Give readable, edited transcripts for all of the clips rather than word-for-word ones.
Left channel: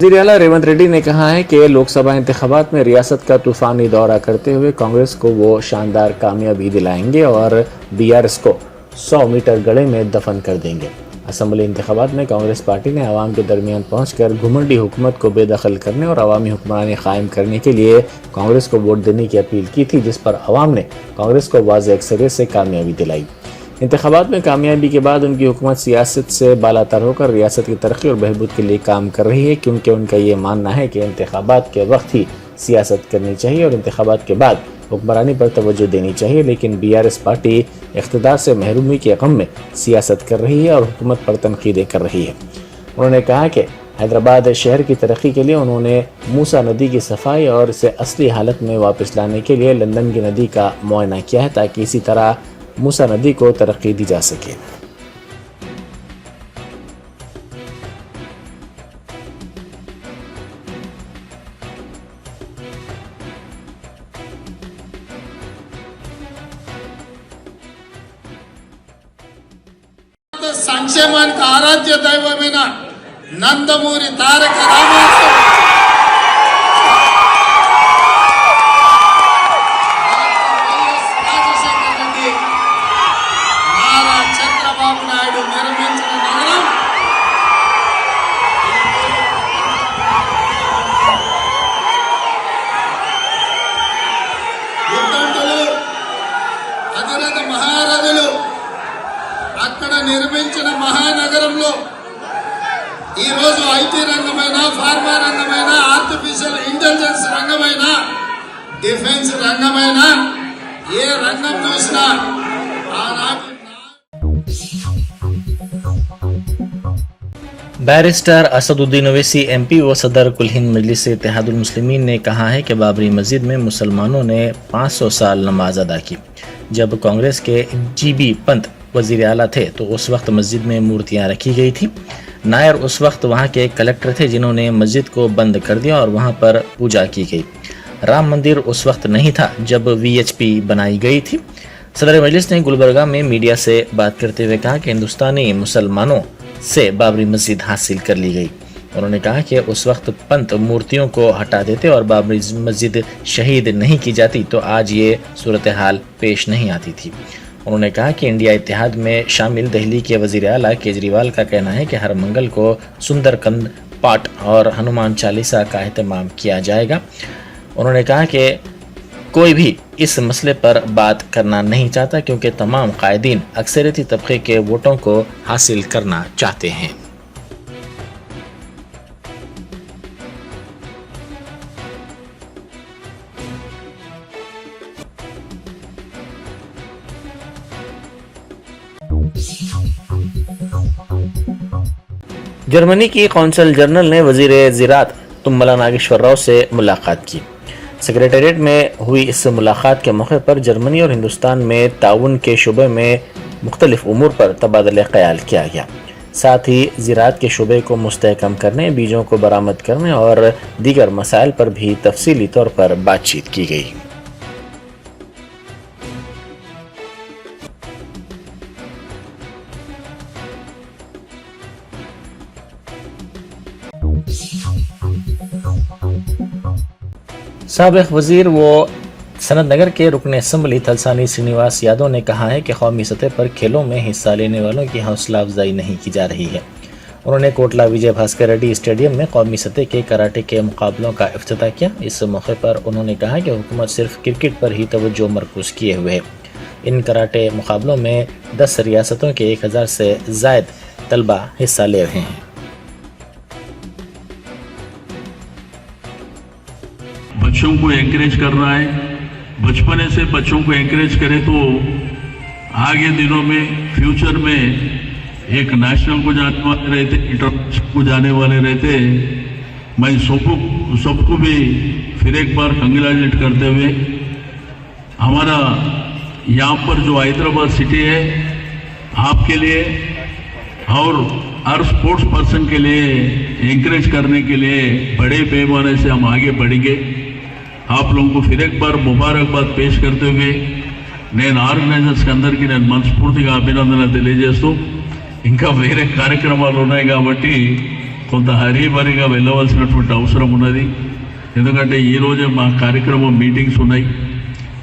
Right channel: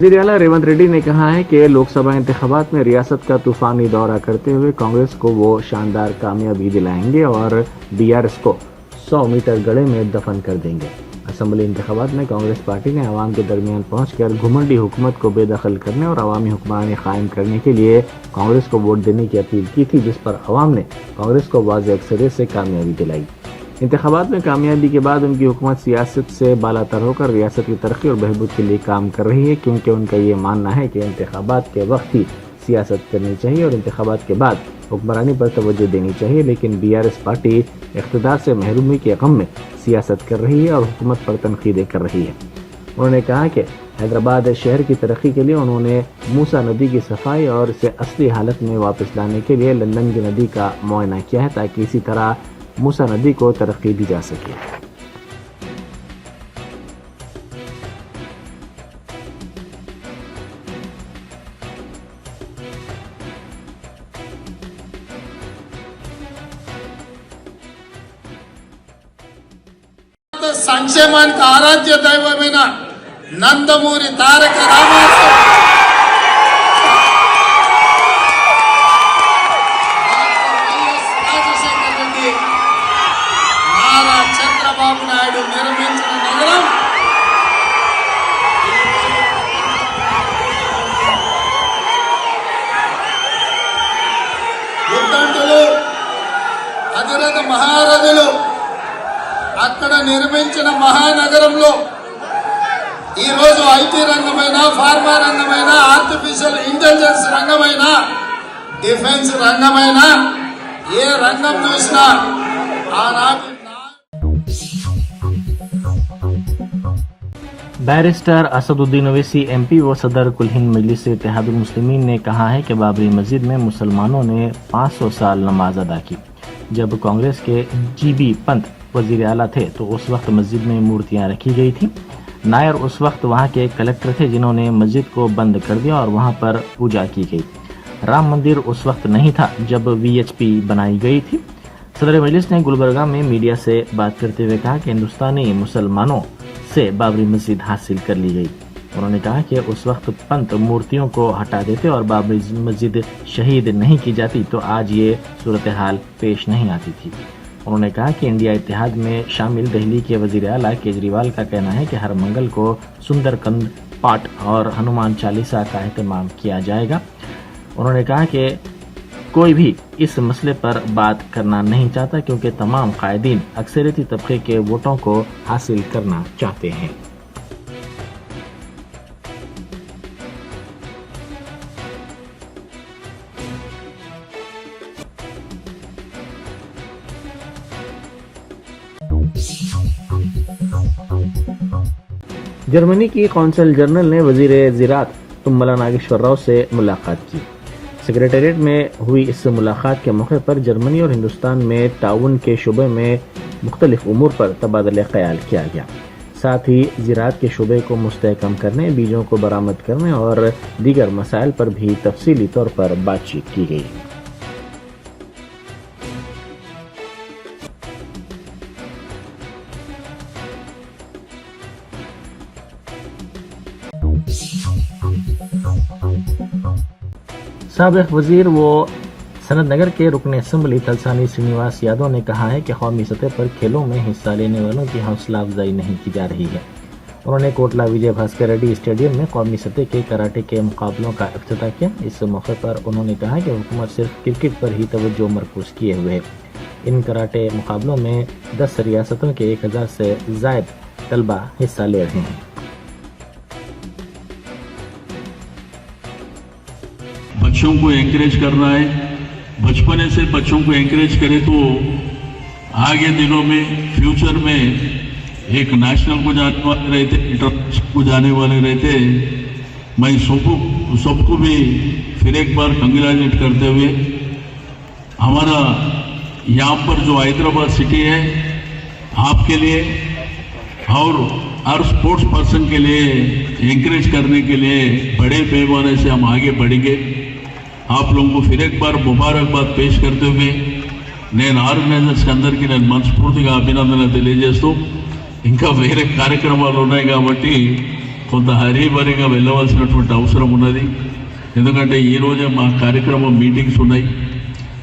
वज़ीर आला रेवंत रेड्डी ने कहा है कि लोकसभा इंतखाबात में रियासत का तूफानी दौरा करते हुए कांग्रेस को वो शानदार कामयाबी दिलाएंगे और बीआरएस को 100 मीटर गड़े में दफन कर देंगे। असम्बली इंतखाबात में कांग्रेस पार्टी ने आवाम के दरमियान पहुंचकर घुमंडी हुकूमत को बेदखल करने और अवामी हुक्मरानी कायम करने के लिए कांग्रेस को वोट देने की अपील की थी, जिस पर अवाम ने कांग्रेस को वाज़ेह अक्सरियत से कामयाबी दिलाई। इंतखाबात में कामयाबी के बाद उनकी हुकूमत सियासत से बालातर होकर रियासत की तरक्की और बहबूद के लिए काम कर रही है, क्योंकि उनका ये मानना है कि इंतखाबात के वक्त ही सियासत करनी चाहिए और इंतखाबात के बाद हुक्मरानी पर तवज्जो देनी चाहिए। लेकिन बीआरएस पार्टी इख्तिदार से महरूमी के गम में सियासत कर रही है और हुकूमत पर तनकीदें कर रही है। उन्होंने कहा कि हैदराबाद शहर की तरक्की के लिए उन्होंने मूसा नदी की सफाई और इसे असली हालत में वापस लाने के लिए लंदन की नदी का मुआयना किया है, ताकि इसी तरह मूसा नदी को तरक्की दी जा सके। సంక్షేమానికి ఆరాధ్య దైవమైన నందమూరి తారక రామారావు రాజశేఖర రెడ్డి నారా చంద్రబాబు నాయుడు నిర్మించిన నగరం ఉద్దండులు అధిరథ మహారథులు అక్కడ నిర్మించిన మహానగరంలో ఈరోజు ఐటీ రంగమైన, ఫార్మా రంగమైన, ఆర్టిఫిషియల్ ఇంటెలిజెన్స్ రంగమైన, డిఫెన్స్ రంగమైన ఏ రంగం చూసినా ఆనాటి बैरिस्टर असदुद्दीन ओवैसी एमपी व सदर कुल हिंद मजलिस इत्तेहादुल मुस्लिमीन ने कहा है कि बाबरी मस्जिद में मुसलमानों ने 500 साल नमाज अदा की। जब कांग्रेस के जीबी पंत वजीर आला थे तो उस वक्त मस्जिद में मूर्तियां रखी गई थी। नायर उस वक्त वहां के कलेक्टर थे जिन्होंने मस्जिद को बंद कर दिया और वहां पर पूजा की गई। राम मंदिर उस वक्त नहीं था जब वीएचपी बनाई गई थी। सदर मजलिस ने गुलबर्गा में मीडिया से बात करते हुए कहा कि हिंदुस्तानी मुसलमानों से बाबरी मस्जिद हासिल कर ली गई। उन्होंने कहा कि उस वक्त पंत मूर्तियों को हटा देते और बाबरी मस्जिद शहीद नहीं की जाती तो आज ये सूरत हाल पेश नहीं आती थी। उन्होंने कहा कि इंडिया इत्तेहाद में शामिल दिल्ली के वजीर आला केजरीवाल का कहना है कि हर मंगल को सुंदरकांड पाठ और हनुमान चालीसा का एहतमाम किया जाएगा। उन्होंने कहा कि कोई भी इस मसले पर बात करना नहीं चाहता, क्योंकि तमाम कायदीन अक्सरियती तबके के वोटों को हासिल करना चाहते हैं। जर्मनी की कौंसल जनरल ने वजीर ज़राअत तुम्मला नागेश्वर राव से मुलाकात की। सेक्रेटेरिएट में हुई इस मुलाकात के मौके पर जर्मनी और हिंदुस्तान में ताउन के शुबे में मुख्तलिफ उमूर पर तबादला ख्याल किया गया। साथ ही ज़राअत के शुबे को मुस्तहकम करने, बीजों को बरामद करने और दीगर मसाइल पर भी तफसीली तौर पर बातचीत की गई। साबिक़ वज़ीर व सनत नगर के रुकन असम्बली थलसानी श्रीनिवास यादव ने कहा है कि कौमी सतह पर खेलों में हिस्सा लेने वालों की हौसला अफजाई नहीं की जा रही है। उन्होंने कोटला विजय भास्कर रेड्डी स्टेडियम में कौमी सतह के कराटे के मुकाबलों का इफ्तिताह किया। इस मौके पर उन्होंने कहा कि हुकूमत सिर्फ क्रिकेट पर ही तवज्जो मरकूज़ किए हुए है। इन कराटे मुकाबलों में 10 रियासतों के 1000 से ज़ायद तलबा हिस्सा ले रहे हैं। बच्चों को एनकरेज करना है, बचपने से बच्चों को एनकरेज करें तो आगे दिनों में फ्यूचर में एक नेशनल को जाने वाले रहते, इंटरनेशनल को जाने वाले रहते। मैं सबको भी फिर एक बार कंग्रेचुलेट करते हुए हमारा यहाँ पर जो हैदराबाद सिटी है आपके लिए और हर स्पोर्ट्स पर्सन के लिए एनकरेज करने के लिए बड़े पैमाने से हम आगे बढ़ेंगे। आप लोगों को फिर एक बार मुबारकबाद पेश करते हुए నేను ఆర్గనైజర్స్ అందరికీ నేను మనస్ఫూర్తిగా అభినందనలు తెలియజేస్తూ ఇంకా వేరే కార్యక్రమాలు ఉన్నాయి కాబట్టి కొంత హరీబరీగా వెళ్ళవలసినటువంటి అవసరం ఉన్నది. ఎందుకంటే ఈరోజే మా కార్యక్రమం మీటింగ్స్ ఉన్నాయి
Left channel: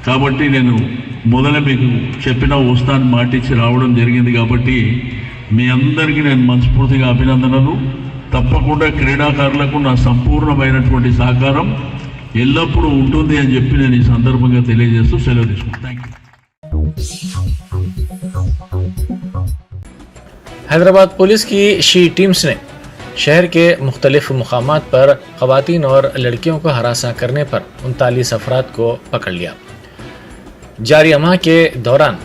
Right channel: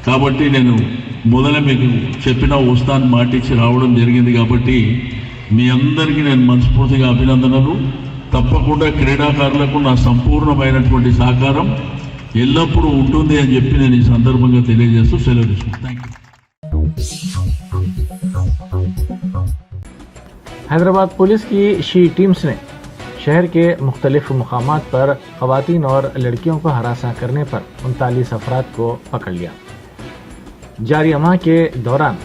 కాబట్టి నేను మొదలు మీకు చెప్పిన వస్తాను మాటిచ్చి రావడం జరిగింది. కాబట్టి మీ అందరికీ నేను మనస్ఫూర్తిగా అభినందనలు. తప్పకుండా క్రీడాకారులకు నా సంపూర్ణమైనటువంటి సహకారం ఎల్లప్పుడూ ఉంటుంది అని చెప్పి నేను ఈ సందర్భంగా తెలియజేస్తూ సెలవు తీసుకుంటాను. Thank you. हैदराबाद पुलिस की शी टीम्स ने शहर के मुख्तलिफ मुकामात पर ख़वातीन और लड़कियों को हरासा करने पर 39 अफराद को पकड़ लिया. जारी माह के दौरान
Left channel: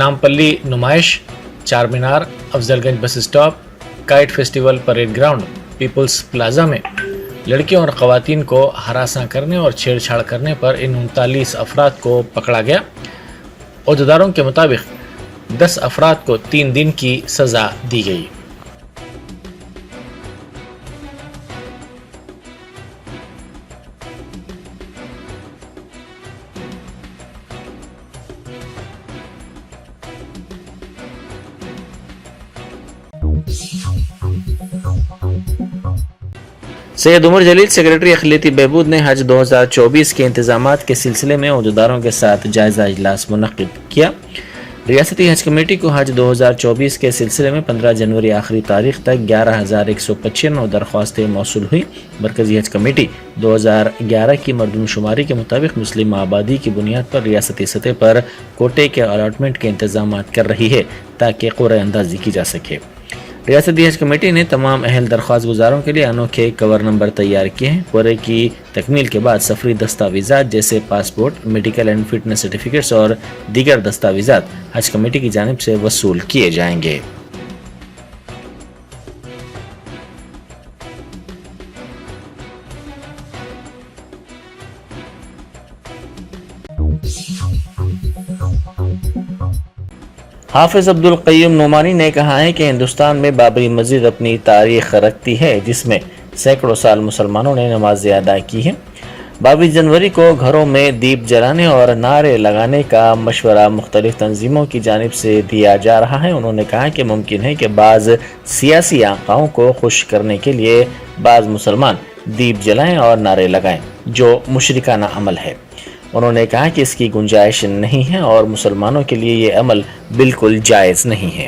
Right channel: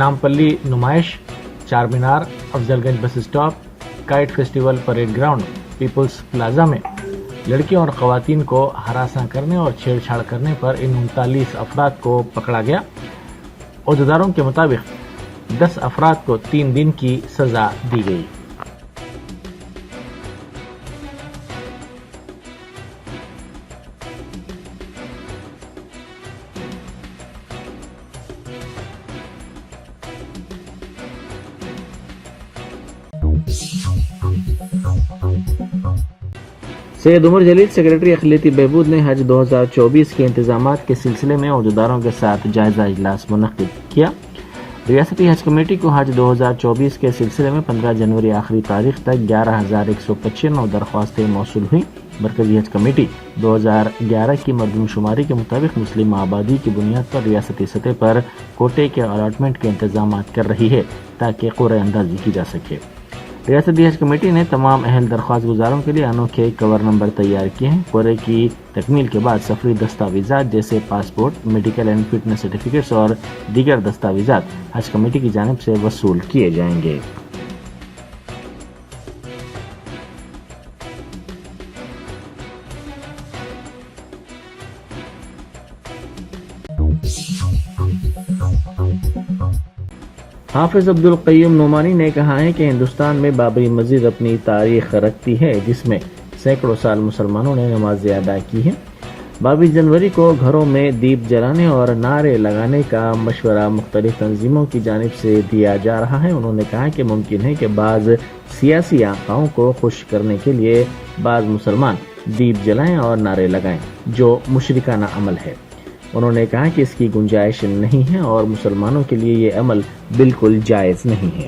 नामपल्ली नुमाइश, चार मीनार, Afzalgunj bus stop, kite festival, parade ground, people's plaza में लड़कियों और ख़वातीन को हरासा करने और छेड़छाड़ करने पर इन 39 अफराद को पकड़ा गया. अहदेदारों के मुताबिक 10 अफराद को 3 दिन की सज़ा दी गई. सैयद उमर जलील सेक्रेटरी अखिलती बहबूद ने हज 2024 के इंतजामात के सिलसिले में अहदेदारों के साथ जायज़ा इजलास मुनक्किद किया. रियासती हज कमेटी को हज 2024 के सिलसिले में 15 जनवरी आखिरी तारीख तक 11,195 दरख्वास्तें मौसूल हुई. मरकजी हज कमेटी 2011 की मरदमशुमारी के मुताबिक मुस्लिम आबादी की बुनियाद पर रियासती सतह पर कोटे के अलाटमेंट के इंतजाम कर रही है ताकि क़ुरअ अंदाज़ी की जा सके. रियासती हज कमेटी ने तमाम अहल दरख्वास्त गुजारों के लिए अनोखे कवर नंबर तैयार किए हैं. कोरे की तकमील के बाद सफरी दस्तावेज़ात जैसे passport, medical and fitness certificates और दीगर दस्तावेज़ात हज कमेटी की जानिब से वसूल किए जाएंगे. हाफिज अब्दुल क़य्यूम नोमानी ने कहा है कि हिंदुस्तान में बाबरी मस्जिद अपनी तारीख रखती है जिसमें सैकड़ों साल मुसलमानों ने नमाज़ें अदा की हैं. 22 जनवरी को घरों में दीप जलाने और नारे लगाने का मशवरा मुख्तलिफ तंजीमों की जानिब से दिया जा रहा है. उन्होंने कहा कि मुमकिन है कि बाज़ सियासी आकाओं को खुश करने के लिए बाज़ मुसलमान दीप जलाएं और नारे लगाएं जो मुशरिकाना अमल है. उन्होंने कहा कि इसकी गुंजाइश नहीं है और मुसलमानों के लिए ये अमल बिल्कुल जायज़ नहीं है.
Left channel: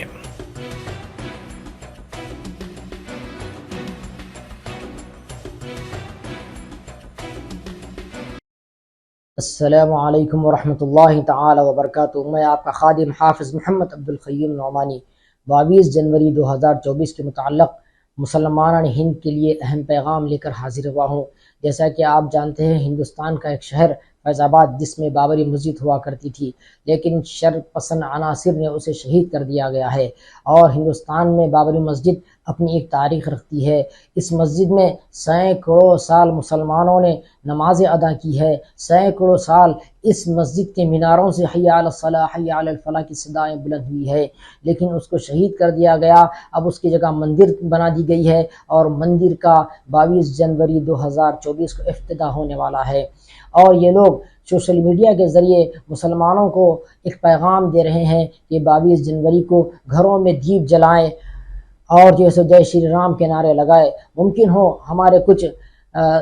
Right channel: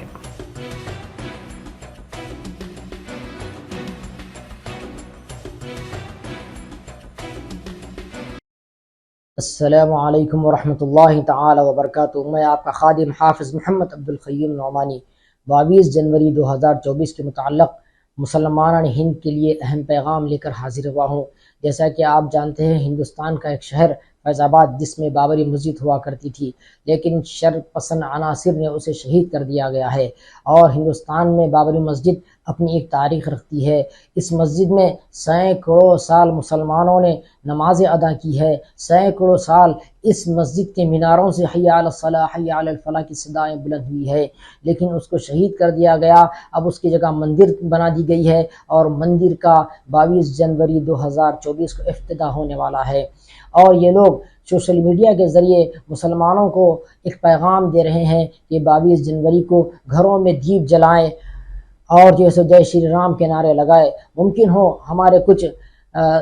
अस्सलामु अलैकुम वरहमतुल्लाहि तआला वबरकातुहू. मैं आपका खादिम हाफिज़ मोहम्मद अब्दुल क़य्यूम नोमानी 22 जनवरी 2024 के मुताल्लिक़ मुसलमान हिंद के लिए अहम पैगाम लेकर हाजिर हुआ हूँ. जैसा कि आप जानते हैं, हिंदुस्तान का एक शहर फैज़ाबाद जिसमें बाबरी मस्जिद हुआ करती थी, लेकिन शर पसंद अनासिर ने उसे शहीद कर दिया गया है. और हिंदुस्तान में बाबरी मस्जिद अपनी एक तारीख़ रखती है. इस मस्जिद में सैकड़ों साल मुसलमानों ने नमाज़ें अदा की है. सैकड़ों साल इस मस्जिद के मीनारों से हय्या अला सलाह हय्या अला फलाह की सदाएँ बुलंद हुई है, लेकिन उसको शहीद कर दिया गया. अब उसकी जगह मंदिर बना दी गई है और मंदिर का 22 जनवरी 2024 को इफ्तिताह होने वाला है. और ये लोग सोशल मीडिया के ज़रिए मुसलमानों को एक पैगाम दे रहे हैं कि 22 जनवरी को घरों में दीप जलाएं और जैसे जय श्री राम के नारे लगाए. मुमकिन हो हमारे कुछ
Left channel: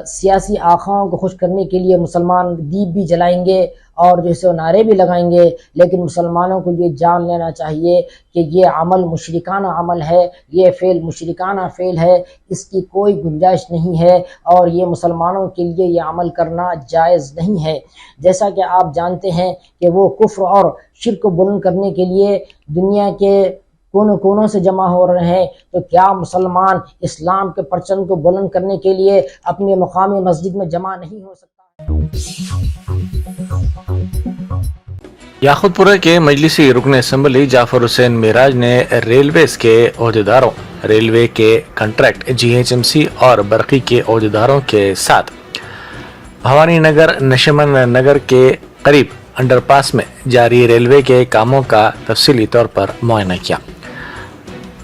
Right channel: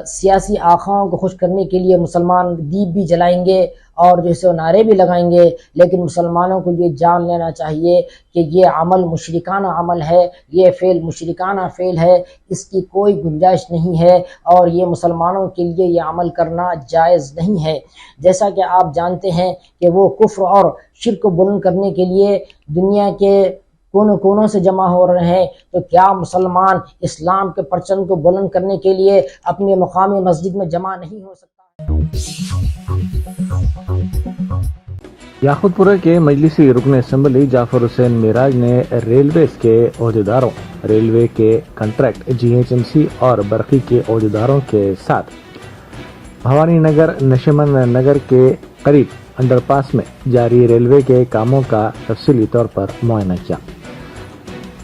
सियासी आखाओं को खुश करने के लिए मुसलमान दीप भी जलाएंगे और जैसे नारे भी लगाएंगे, लेकिन मुसलमानों को ये जान लेना चाहिए कि ये अमल मुशरिकाना अमल है, ये फ़ेल मुशरिकाना फ़ेल है, इसकी कोई गुंजाइश नहीं है और ये मुसलमानों के लिए ये अमल करना जायज़ नहीं है. जैसा कि आप जानते हैं कि वो कुफ्र और शिर्क को बुलंद करने के लिए दुनिया के कोनों कोनों से जमा हो रहे हैं, तो क्या मुसलमान इस्लाम के परचम को बुलंद करने के लिए अपने मकामी मस्जिद में जमा नहीं हो सकता? याखुतपुरा के मजलिसी रुकन असम्बली जाफर हुसैन मेराज ने रेलवेज के ओहदेदारों, रेलवे के कंट्रैक्ट, GHMC और बरकी के ओहदेदारों के साथ भवानी नगर नशमन नगर के करीब अंडरपास में जारी रेलवे के कामों का तफसीली तौर पर मुआयना किया.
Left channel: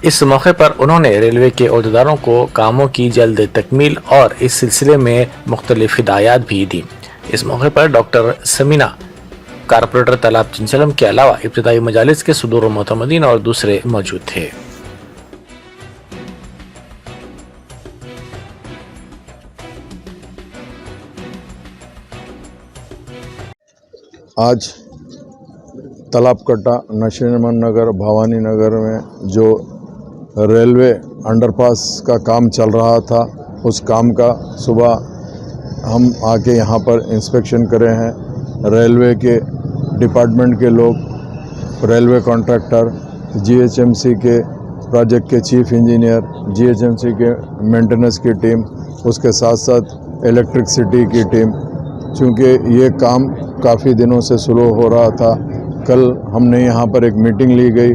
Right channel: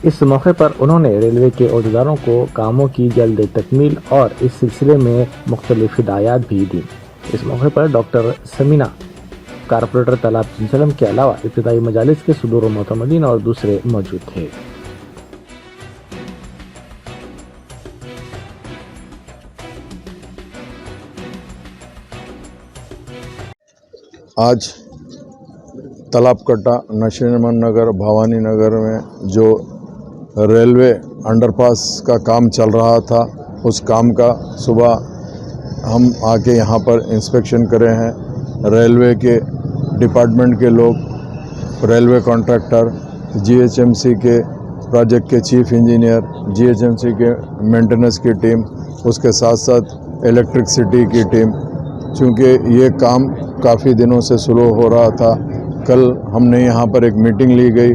इस मौके पर उन्होंने रेलवे के ओहदेदारों को कामों की जल्द तकमील और इस सिलसिले में मुख्तलिफ हिदायत भी दी. इस मौके पर डॉक्टर समीना, कारपोरेटर तालाब चिंचलम के अलावा इब्तिदाई मजालिस के सुदूर मोतमदीन और दूसरे मौजूद थे. आज तालाब कट्टा, नशीमन नगर, भवानी नगर में जो रेलवे अंडरपास का काम चल रहा था, उस काम का सुबह हम आके यहाँ पर इंस्पेक्शन करे हैं। रेलवे के डिपार्टमेंट के लोग, रेलवे कॉन्ट्रैक्टर, जीएचएमसी के प्रोजेक्ट के चीफ इंजीनियर, जीएचएमसी के मेंटेनेंस की टीम, उसके साथ साथ इलेक्ट्रिसिटी की टीम, चूँकि ये काम काफ़ी दिनों से स्लो हो रहा था। कल हमने यहाँ पर एक मीटिंग ली गई।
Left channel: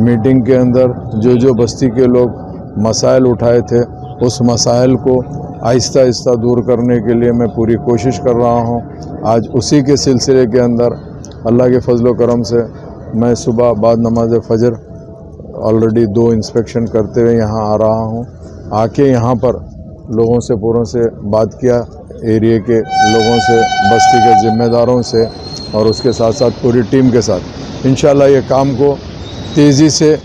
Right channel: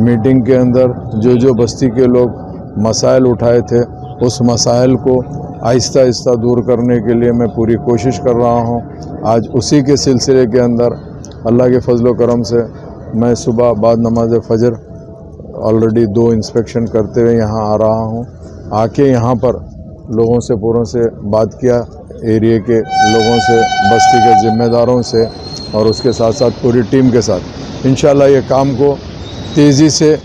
मीटिंग के अंदर जो बस्ती के लोग मसाइल उठाए थे, उस मसाइल को आहिस्ता आहिस्ता दूर करने के लिए मैं पूरी कोशिश कर रहा हूँ। आज उसी के सिलसिले के अंदर अल्लाह के फजल व करम से मैं सुबह बाद नमाज फजर ऑलरेडी 2 इंस्पेक्शन करते हुए यहाँ आ रहा हूँ। आके यहाँ पर लोगों से पूरों से बात किया, एरिया के लोगों से, बस्ती के ज़िम्मेदारों से और उसके साथ साथ पूरी टीम के साथ इंशाल्लाह ये काम को तेज़ी से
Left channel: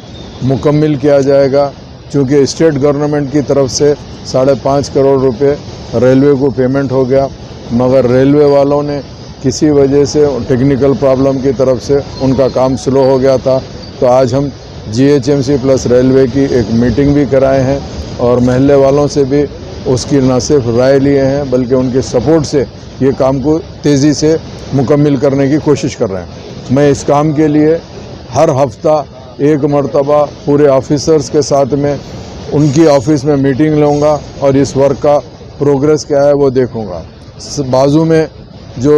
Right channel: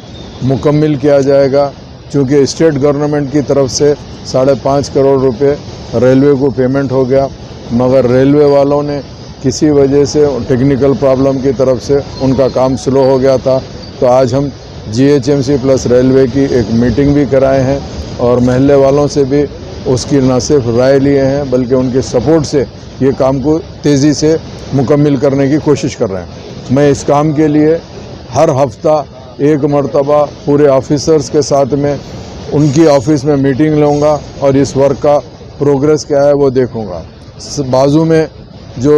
मुकम्मल किया जाएगा। क्योंकि स्टेट गवर्नमेंट की तरफ से 5.5 करोड़ रुपए रेलवे को पेमेंट हो गया, मगर रेलवे वालों ने किसी वजह से टेक्निकल प्रॉब्लम की तरफ से उनका काम स्लो हो गया था। तो आज हम जीएचएमसी प्लस रेलवे की एक मीटिंग भी कराए हैं और महल्ले वालों से भी उसकी न सिर्फ राय लिए हैं बल्कि उनके सपोर्ट से ये काम को तेज़ी से मुकम्मल करने की कोशिश कर रहे हैं। मैं इस काम के लिए हर हफ्ता एक मरतबा पूरे ऑफिसर्स के साथ में उनकी ऑफिस में मीटिंग लूँगा और इस वर्क का प्रोग्रेस क्या है वो देखूँगा। बाजू में जो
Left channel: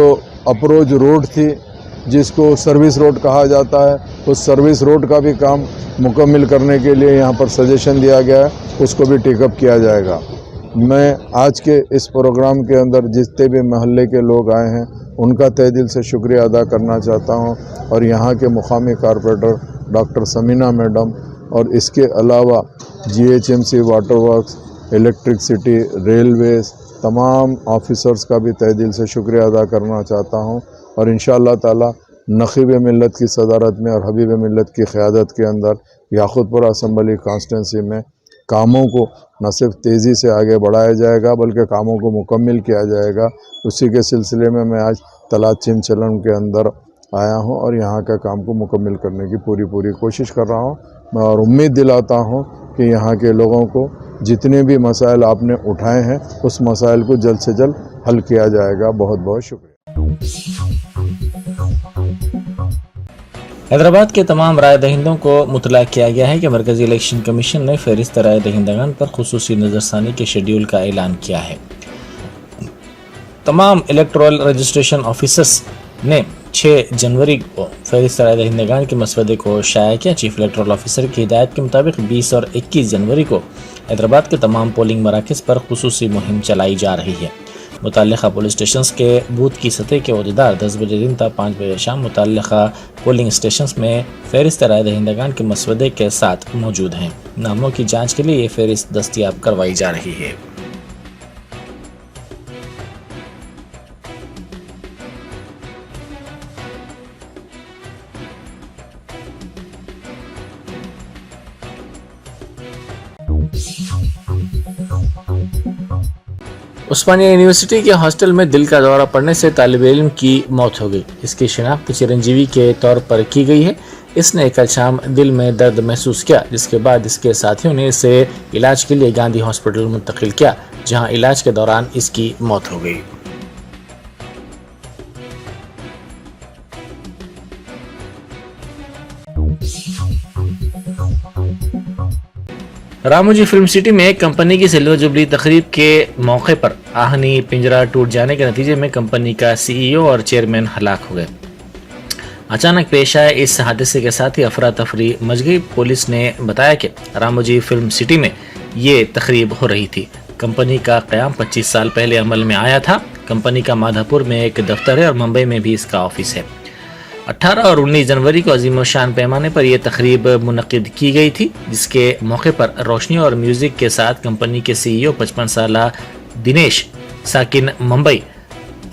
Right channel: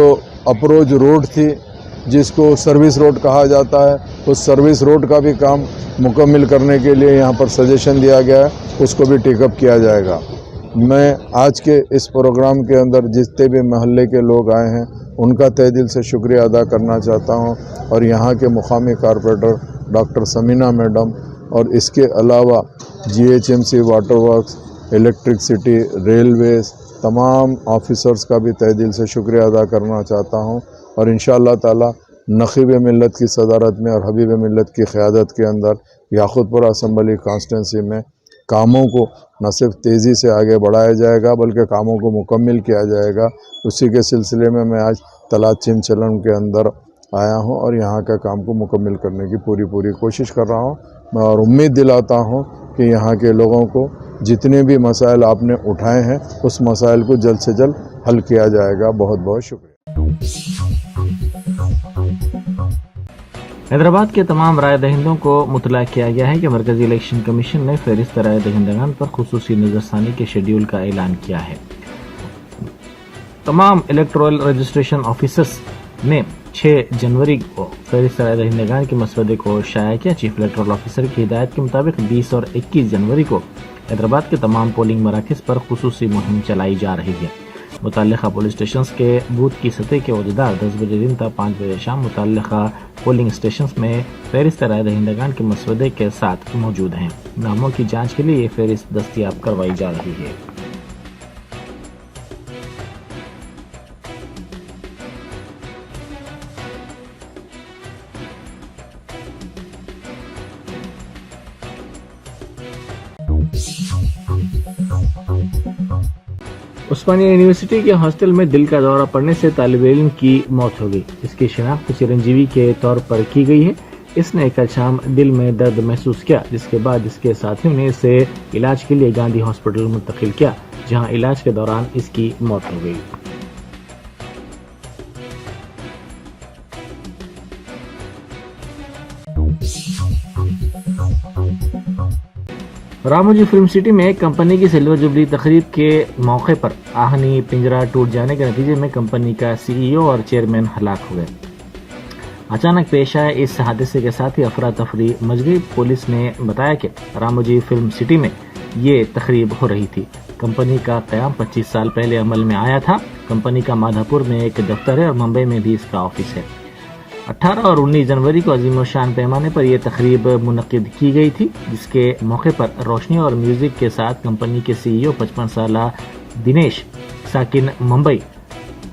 अप्रोच रोड थी, जिसको सर्विस रोड कहा जाता है, उस सर्विस रोड का भी काम मुकम्मल करने के लिए यहाँ पर सजेशन दिया गया है, उसको भी टेकअप किया जाएगा। मैं आज के इस प्रोग्राम के अंदर जितने भी महल्ले के लोग आए हैं उनका तहे दिल से शुक्रिया अदा करना चाहता हूँ और यहाँ के मुकामी कारपोरेटर डॉक्टर समीना मैडम और इसके अलावा GHMC, water works, electricity, Railways, तमाम ऑफिसर्स का भी तहे दिल से शुक्रिया अदा करना चाहता हूँ। और इंशाअल्लाह ताला नखीब मिल्लत की सदारत में और हबीब मिल्लत की क़यादत के अंदर याक़ूतपुरा असम्बली कॉन्स्टिट्यूंसी में कामों को न सिर्फ तेज़ी से आगे बढ़ाया जाएगा बल्कि कामों को मुकम्मल किया जाएगा। उसी के सिलसिले में मैं आज तलात चिमचलन के अंदर आया हूं और यहाँ का काम को मुकम्मल करने की पूरी कोशिश कर रहा हूं। मैं और उम्मीद दिलाता हूं कि यहाँ के लोगों को जितने भी मसाइल आपने उठाए हैं उस मसाइल को जल्द से जल्द हल किया जाएगा। बहुत बहुत शुक्रिया। हैदराबाद के तमाम राय दहिंदों को मुतला किया गया है कि मरकजी इलेक्शन कमीशन ने फहरिस्त राय दहिंदगान पर खुसूसी नज़रसानी के शेड्यूल का ऐलान किया है। तमाम इलेक्टोरल रजिस्ट्रेशन ऑफिसर्स ने 6 जनवरी को फहरिस्त राय दहिंदगान के मसवदे को शाया किया। चीफ इलेक्टोरल ऑफिसर की हिदायत के मुताबिक 20 और 21 जनवरी को हैदराबाद के तमाम पोलिंग मराकज़ पर खुसूसी मुहिम चलाई जा रही है। मुतल्लिक़ा पुलिस स्टेशन के बूथ की सतह के अहदेदार 10 बजे दिन ta 5 बजे शाम मुतल्लिक़ा पोलिंग स्टेशन में फहरिस्त राय दहिंदगान के मसवदे के साथ मौजूद हैं। नामों की जांच के लिए ये फहरिस्त दस्तयाब करवाई जा रही है। उस्मानिया यूनिवर्सिटी के हॉस्टल में दिल का दौरा पड़ने से तालिब इल्म की मौत हो गई। इसकी शिनाख्त चिरंजीवी के तौर पर की गई है। इसने कल शाम दिल में दर्द महसूस किया, जिसके बाद इसके साथियों ने इसे इलाज के लिए गांधी हॉस्पिटल मुंतकिल किया, जहां इलाज के दौरान इसकी मौत हो गई। रामोजी फिल्म सिटी में कंपनी की सिल्वर जुबली तकरीब के मौके पर आहनी पिंजरा टूट जाने के नतीजे में कंपनी का सीईओ और चेयरमैन हलाक हो गए। अचानक पेश आए इस हादसे के साथ ही अफरा तफरी मच गई। पुलिस ने बताया कि रामोजी फिल्म सिटी में ये तकरीब हो रही थी। कंपनी का क़याम 25 साल पहले अमल में आया था। कंपनी का माधापुर में एक दफ्तर है और मुंबई में भी इसका ऑफिस है। 18 और 19 जनवरी को अजीम शान पैमाने पर यह तकरीब मुनक़िद की गई थी, जिसके मौके पर रोशनी और म्यूज़िक के साथ कंपनी के सीईओ 55 साला दिनेश साकिन मुंबई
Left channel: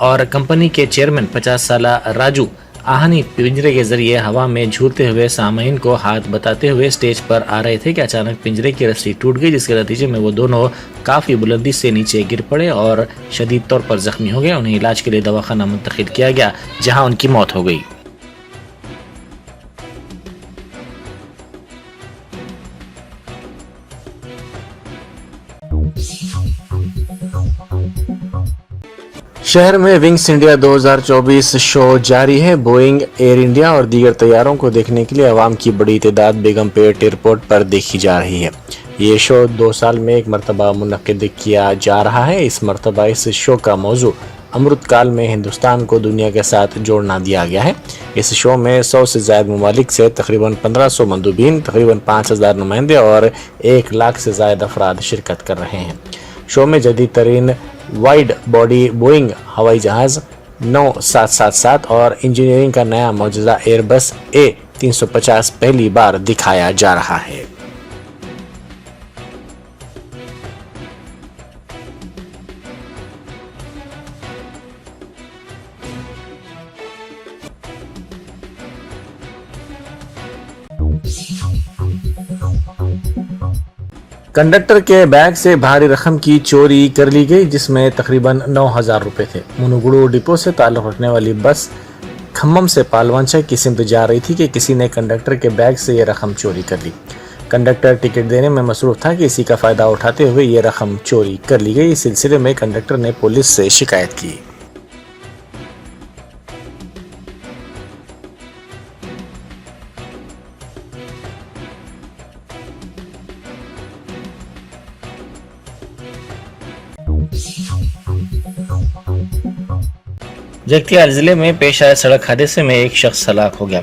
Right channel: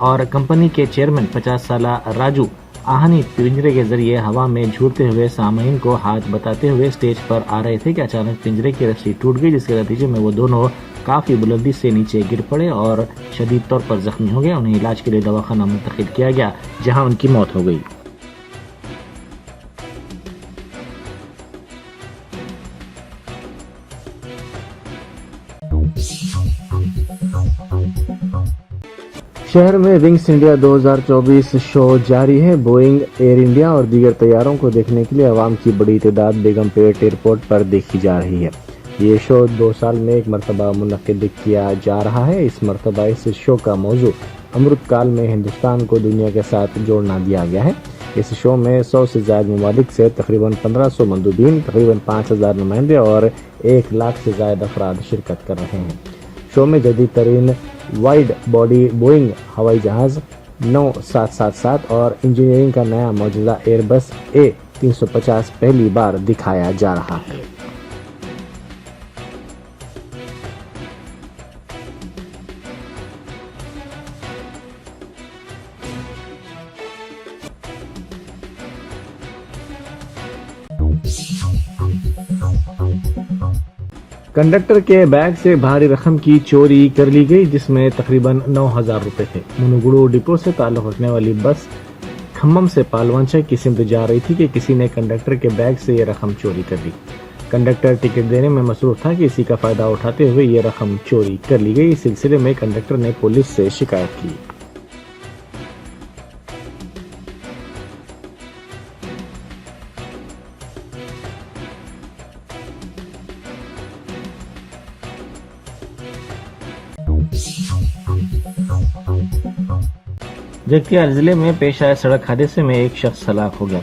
और कंपनी के चेयरमैन 50 साला राजू आहनी पिंजरे के जरिए हवा में झूलते हुए सामईन को हाथ बताते हुए स्टेज पर आ रहे थे कि अचानक पिंजरे की रस्सी टूट गई, जिसके नतीजे में वो दोनों काफी बुलंदी से नीचे गिर पड़े और शदीद तौर पर जख्मी हो गए। उन्हें इलाज के लिए दवाखाना मुंतकिल किया गया, जहां उनकी मौत हो गई। शहर में विंग्स इंडिया 2024 शो जारी है। बोइंग, एयर इंडिया और दीगर तैयारों को देखने के लिए अवाम की बड़ी तादाद बेगमपेट एयरपोर्ट पर देखी जा रही है। ये शो 2 साल में एक मरतबा मुनक्किद किया जा रहा है। इस मरतबा इस शो का मौजू अमृतकाल में हिंदुस्तान को दुनिया के साथ जोड़ना दिया गया है। इस शो में 100 से ज़्यादा ममालिक से तकरीबन 1500 मंदूबीन, तकरीबन 5000 नुमाइंदे और 1 लाख से ज़्यादा अफराद शिरकत कर रहे हैं। शो में जदीद तरीन वाइड बॉडी बोइंग हवाई जहाज़ 9777 और इंजीनियरिंग का नया मौजूदा एयरबस A350 पहली बार दिखाया जा रहा है। कंडक्टर के बैग से भारी रकम की चोरी कर ली गई, जिसमें तकरीबन 9000 रुपए थे। मुनुगुड़ू डिपो से ताल्लुक़ रखने वाली बस खम्मम से पालवांचा की सिमत जा रही थी कि किसी ने कंडक्टर के बैग से ये रकम चोरी कर ली। कंडक्टर टिकट देने में मसरूफ था कि इसी का फ़ायदा उठाते हुए ये रकम चोरी कर ली गई। इस सिलसिले में कंडक्टर ने पुलिस से शिकायत की। जगतियाल जिले में पेश आए सड़क हादसे में एक शख्स हलाक हो गया।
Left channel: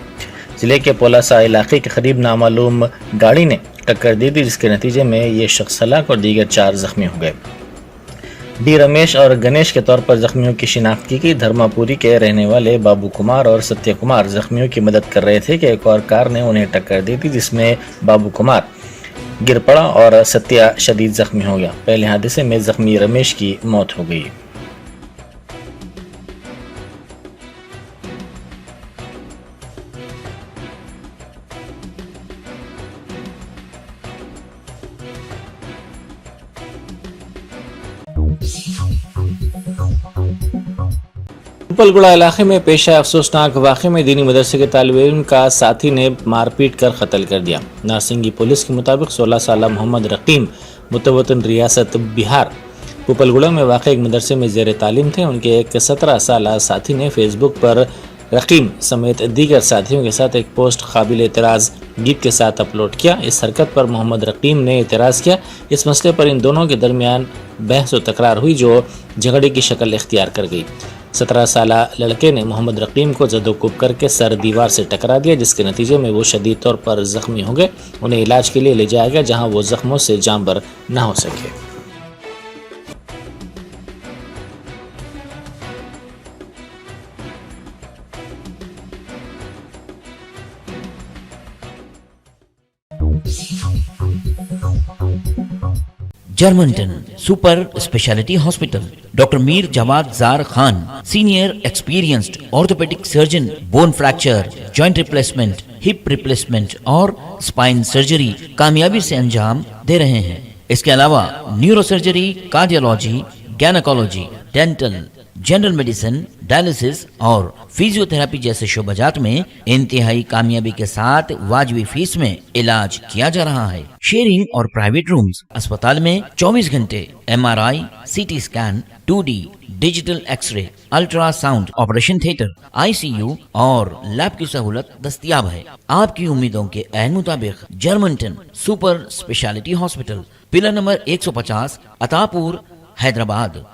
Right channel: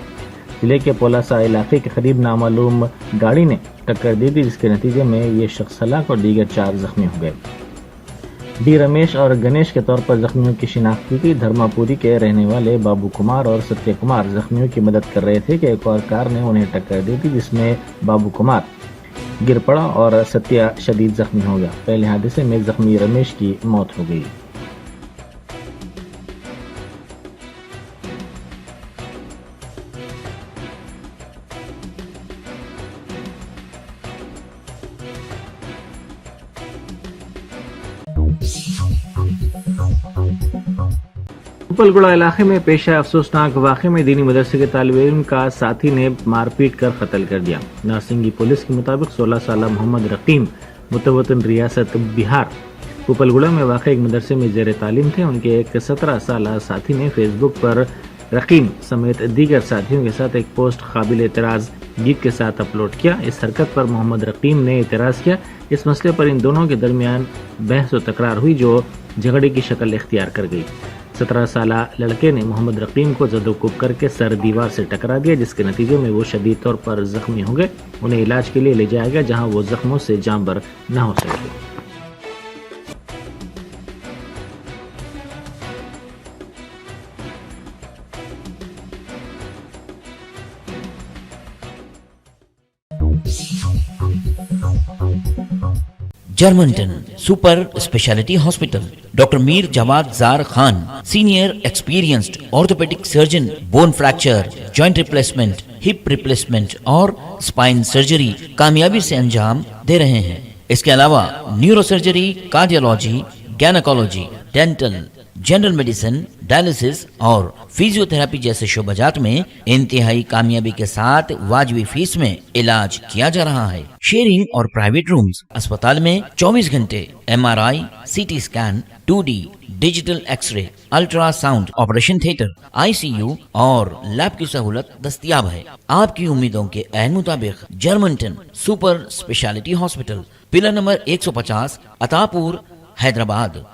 जिले के पोलासा इलाके के करीब नामालूम गाड़ी ने टक्कर दी थी, जिसके नतीजे में ये शख्स हलाक और दीगर 4 जख्मी हो गए। डी रमेश और गणेश के तौर पर जख्मियों की शिनाख्त की गई। धर्मापुरी के रहने वाले बाबू कुमार और सत्य कुमार जख्मियों की मदद कर रहे थे कि एक और कार ने उन्हें टक्कर दी थी, जिसमें बाबू कुमार गिर पड़ा और सत्या शदीद जख्मी हो गया। पहले हादसे में जख्मी रमेश की मौत हो गई। उपलगुड़ा इलाके में पेश आए अफसोसनाक वाक़े में दीनी मदरसे के तालिब इल्म का साथी ने मारपीट कर कत्ल कर दिया। नारसिंगी पुलिस के मुताबिक 16 साल मोहम्मद रकीम मुतवतन रियासत बिहार उपलगुड़ा में वाक़ एक मदरसे में ज़ेर तालीम थे। उनके एक 17 साल साथी ने फेसबुक पर रकीम समेत दीगर साथियों के साथ एक पोस्ट काबिल एतराज़ गीत के साथ अपलोड किया। इस हरकत पर मोहम्मद रकीम ने एतराज़ किया। इस मसले पर इन दोनों के दरमियान बहस व तकरार हुई, जो झगड़े की शक्ल इख्तियार कर गई। 17 साल लड़के ने मोहम्मद रकीम को जदोकुब करके सर दीवार से टकरा दिया, जिसके नतीजे में वो शदीद तौर पर जख्मी हो गए। उन्हें इलाज के लिए ले जाया गया, जहां वो जख्मों से जांबर न हो सके। Germanten super speciality hospital, doctor Mir Jawad Jar Khan, senior experienced orthopaedic surgeon, bone fracture, joint replacement, hip replacement और स्पाइन सर्जरी कामयाबी से अंजाम दे रहे हैं। इसके अलावा neuro surgery, cardiology, gynaecology, dental, general medicine, dialysis और फिजियोथेरेपी जैसे शोबाजात में इंतहाई कामयाबी के साथ वाजिबी फीस में इलाज किया जा रहा है। शेयरिंग और प्राइवेट रूम्स, अस्पताल में 24 घंटे MRI, CT scan, 2D digital x ray, ultrasound, operation theatre, ICU और लैब की सहूलत दस्तयाब है। आपकी उम्मीदों के ऐन मुताबिक Germanten super speciality hospital, pillar number 150, Attapur, Hyderabad.